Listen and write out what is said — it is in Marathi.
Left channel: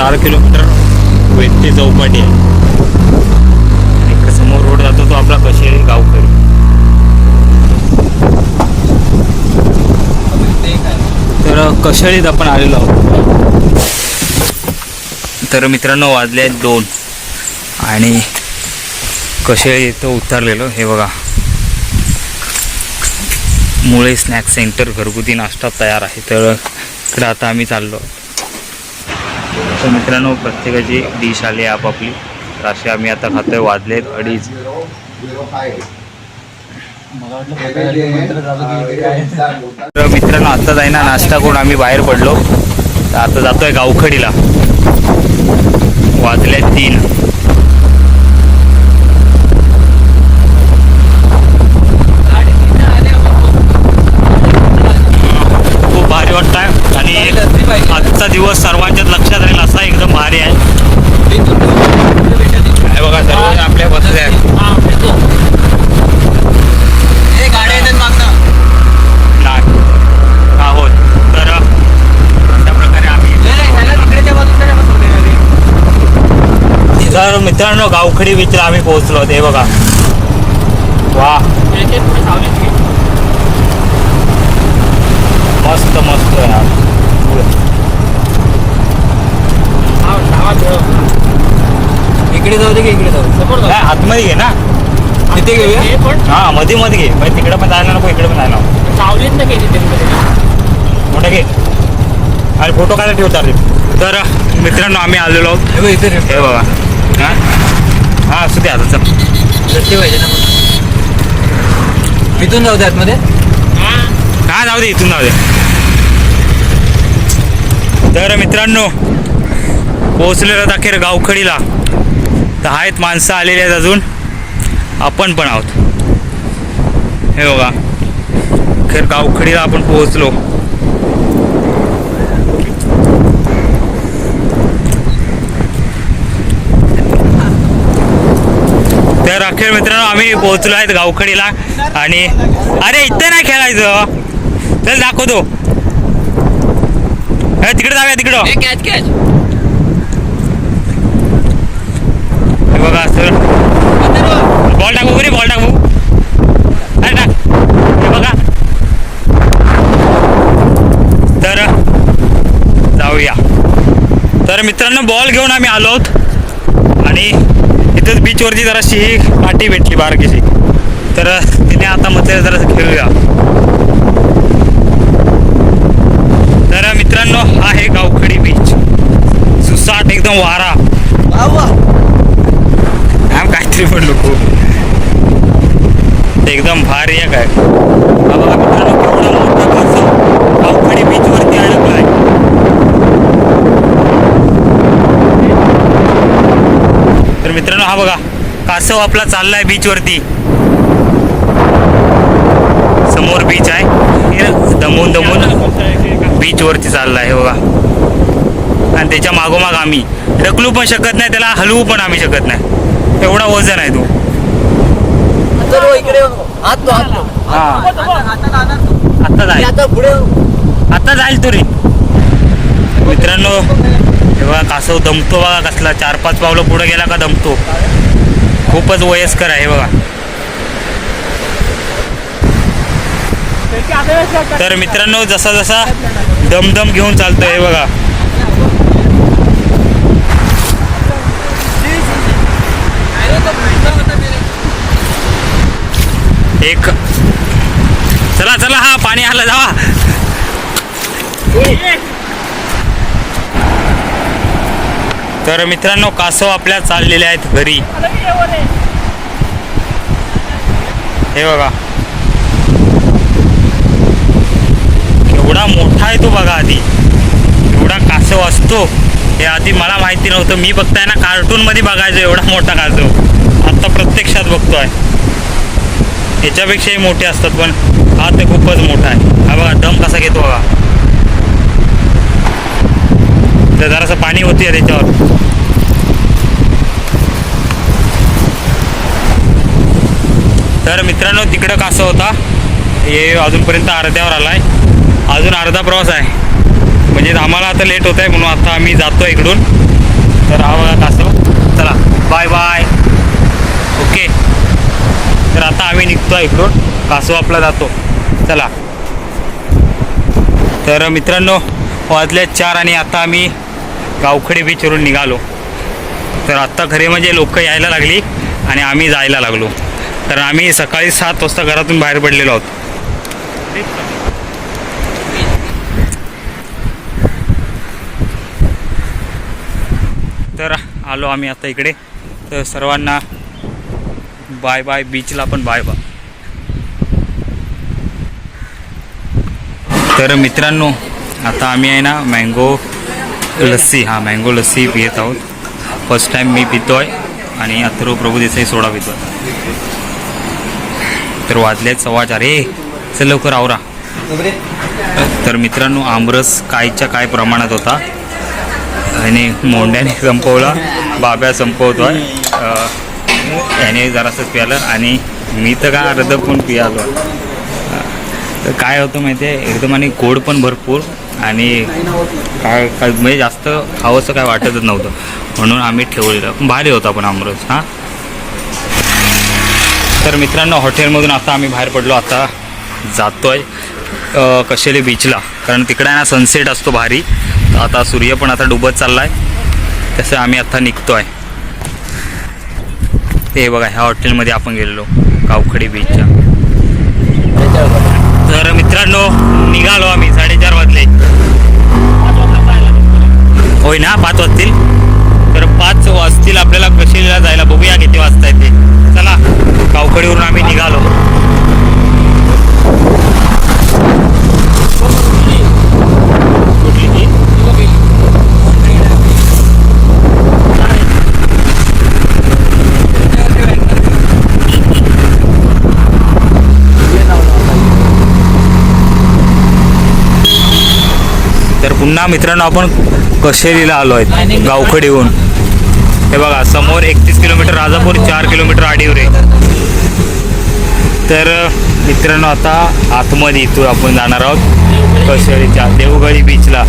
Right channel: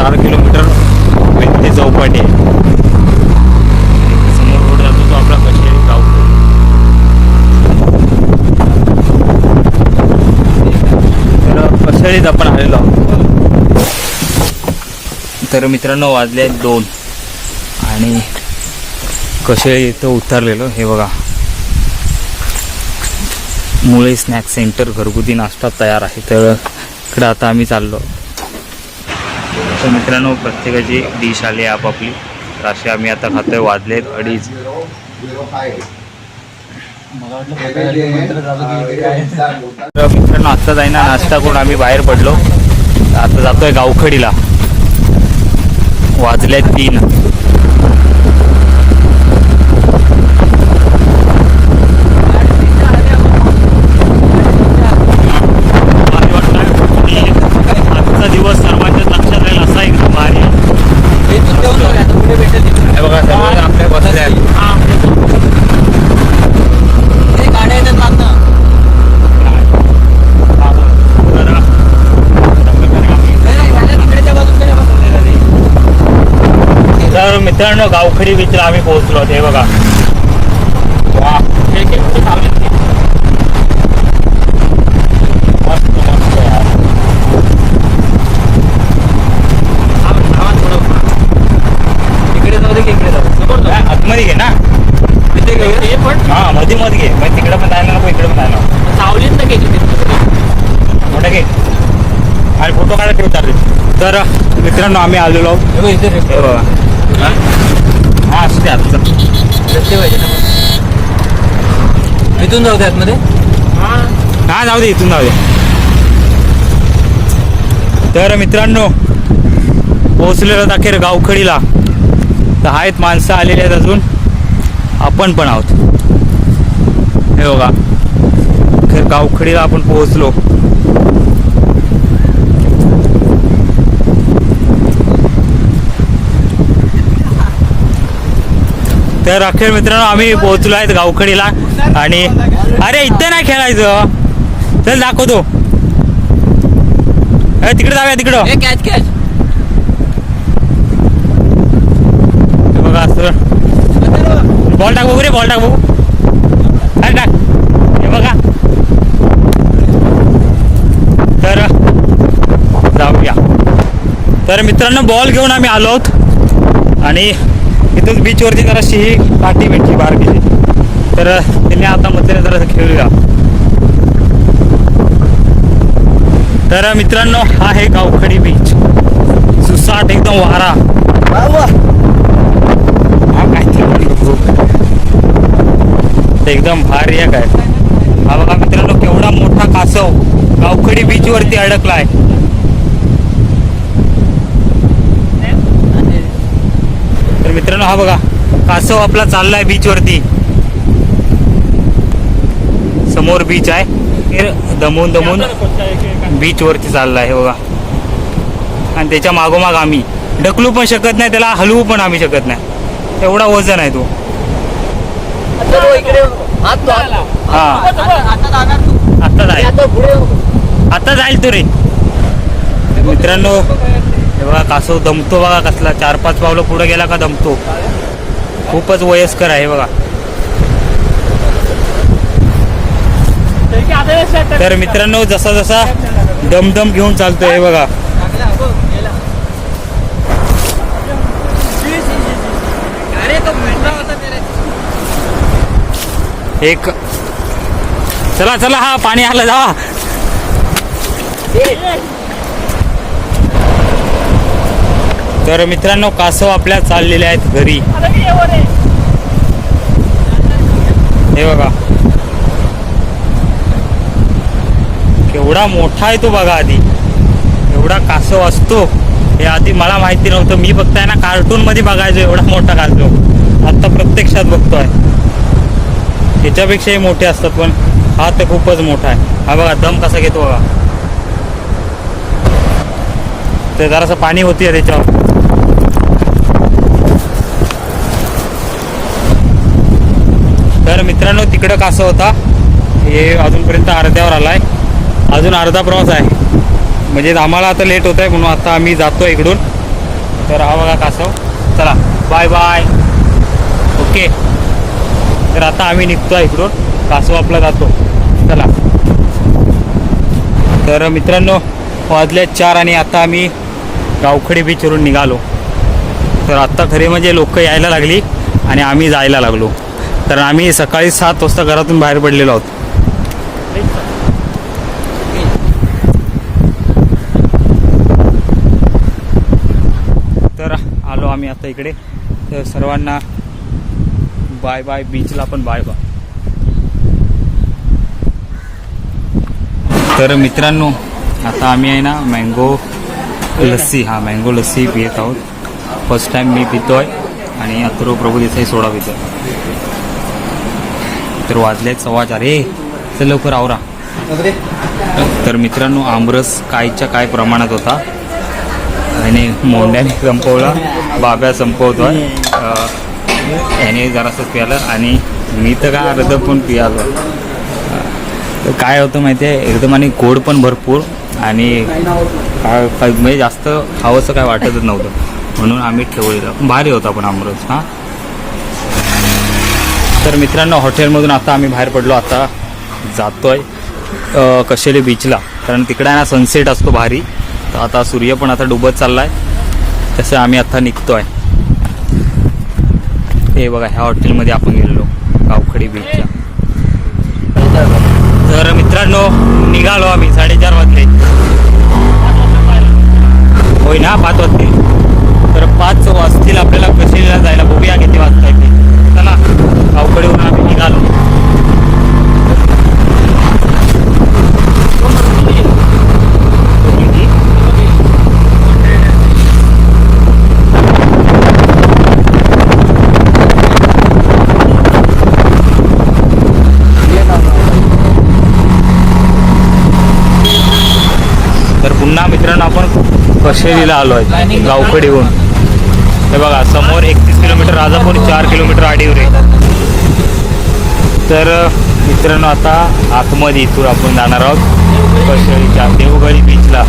चार किलोमीटर व्यक्ती चौपाटी आहे. समोर रोड जातो तो आपला कसे गावतो तर कशाळीत आपण आलेलो आहोत. तर मित्रांनो वाजले आहेत दोन. आणि कशाळी इथं उतरलेलो हे बघा. मुळे स्नॅक्स सेंटर घरगुती नाश्ता तयार आहे. तर इकडं आता आम्ही चाललो. तर मित्रांनो प्रत्येकाची डिश आली आहे आपापली. तर असे आम्ही आता खातोय वाजलेत अडीच. तर मित्रांनो आता जाईना नाश्ता करून आम्ही बाहेर पडलो. आता जातोय गावखडीला. वाजले तीन खूप भारी वाटत आहे आणि आजचा दिवस सर्वांच्याच लक्षात राहील असा एकदम भारी आहे हे बघा सर्वजण आपल्या बसले आहेत तर अशा प्रकारे आम्ही तर मित्रांनो गावखडी बीचला आम्ही पोहोचलो. हे बघा. वा. मस्त मस्त यार. इकडे जाऊ दे की इकडे जाऊ समोर आतमध्ये घे ना. इथे घेऊया हा मध्ये मध्ये घे. म्हणजे तिकडे पण जायला नको इकडे पण जायला सावलीत ना घ्यायची तरी मोठं घे. आणि फोटो काढा ठेवतात रे तर मित्रांनो आम्ही आलेलो आहोत. इथे हे बघा. हा? हा असू दे आता चल. पाहिजे ना. इथून जाऊ दे आतमध्ये. हा जाऊ दे इथून जाऊ दे. तर मित्रांनो पोहोचलेलो अखेर गावखडीला. तर आहेत माणसं आलेली आहेत अजून. आपण पण आहोत. हे बघा. खेर गावखडीला आपण पोहोचलो. तर अखेर मित्रांनो आम्ही पोहोचलो आहेत गावखडीला आणि अरे इथं नाही खेळायचं. चल दाखवतो. अरे तिकडे जाऊया तिकडं. कॅच बॉल टाकू बघू रे बॉल टाकू. अरे टाक. हे बघा. तर जाऊया. तर मित्रांनो बॉल घेऊन आम्ही आलो आहोत. आणि इथंच बीचवरती जराशी ही काठी भेटली बारकीची तर तिने आता म्हटलं जरा खेळूया. तर मित्रांनो हा आहे गावखडी बीच सुसाट एकदम वारा. वा काहीतरी खूप एकदम भारी आहे काय. हा बघा मित्रांनो केवढा मोठा कासव. गावखडी बीच वरती आहे तर मित्रांनो हा बघा कासव आपला चाललाय बीच वरती. समोर बीच आहे. दमून दमून बीच वरती चाललाय हे बघा. आणि त्याच्या मागोमाग आम्ही. ढकलू पण शकत नाही त्याला हलवू पण आम्ही शकत नाही. एवढा वजन आहे तो. इकडे हा. आता जाणार तू. आता जाईल. आता जाईल तो रे. मित्रांनो हे बघा कासव दमतो बघा कसला. चार पाच पावलं पुढे गेला का दमतो. खूपच वयस्कर आहे बघा. तर मित्रांनो जसा जसा दमदम घेऊन चालतोय हे बघा. अरे तो एक. चला चला हा पाणी आलं जावा. तर मित्रांनो कासव आपल्या चाललेले आहेत घरी. हे बघा. केवढा मोठा आहे तो बघा आधी. एवढा कासव असतो. हे आधी मला माहिती नव्हतं. मी बघताय ना कार्टून मध्ये बघायचो एवढा मोठा कासव. आता प्रत्यक्षात बघतोय. याच्यापेक्षाही मोठे असतात पण हा तर खूपच मोठा आहे. हा बघा दम कसा घेतो बघा. तर जरासं पाणी होती त्याच्यावर. तर मित्रांनो तिकडं कासं होता हे अजूनपर्यंत अर्ध्यावर आला आहे अजून अर्धा प्रवास आहे. म्हणजे आम्हाला आता लेट होत आहे म्हणून आता आम्ही जातो इकडून. तर हा बघा कासव चला बाय बाय ओके तर आता आम्ही निघतो इकडून. कासवापला जातो. चला. तर मित्रांनो वाजले चार आणि आता आम्ही गावखडी बीचवरून निघालो. तर आत्ता खरे म्हणजे लोक यायला लागली आणि आम्ही जायला लागलो. तर आम्ही सकाळी सात वाजता घरातून बाहेर पडलेलो आहोत. तर आलो आम्ही आता इकडे. तर सर्वांना बाय बाय बीचला पण बाय बाय. तर मित्रांनो आता आम्ही आहे ना मँगो लस्सी हा मँगो लस्सी पित आहोत. फर्स्ट टाइम मी पितोय आणि अथर्व प्रभू देसाई सोडा पितोय. तर वाजले सव्वा चार. हे चल लवकर आवरा. तर मित्रांनो आमरस कायच्या काय प्रमाणात होता? आणि मोंड्याने संपवला बाब्या संपवतोय. आहे याने जरासंच प्यालं आणि मी तर काय अर्ध पण पियालो तर काय होतं माहिती आहे एकदम आणि गोड पण भरपूर आणि काय काय म्हणजे जास्त खावंसं काय वाटतच नव्हतं. म्हणून आम्ही ठेवलेलं. भारी होता पण आमरस हां. तर मित्रांनो हॉटेलमधून आता आम्ही बाहेर पडलो. आता जातोय कशेली बीचला कारण तिकडे ना सनसेट असतो भारी. तर आता सूर्य पण आता डुबत आहे तसं आम्ही आता आहे ते बघा ह्या हॉटेलमध्ये आपण गेलेलो कावखडी बीचच्या तर मित्रांनो निघालो आम्ही साडेचार वाजले. होय ना पाच वाजतील? तर पाच वाजतील आपल्याला कशीला जायला? बघूया किती वाजता येते चला गावकडीवरून आम्ही निघालो कुठली ती? तर पुन्हा मित्रांनो आपण कशेलीला आलो आहे गावखडीहून. हे बघा समोर एकतीस किलोमीटर राजापूर चार किलोमीटर आडीवरे तर मित्रांनो आता आतमध्ये इथून आपण जाणार आहोत कशेरीच्या देवगडी बीचला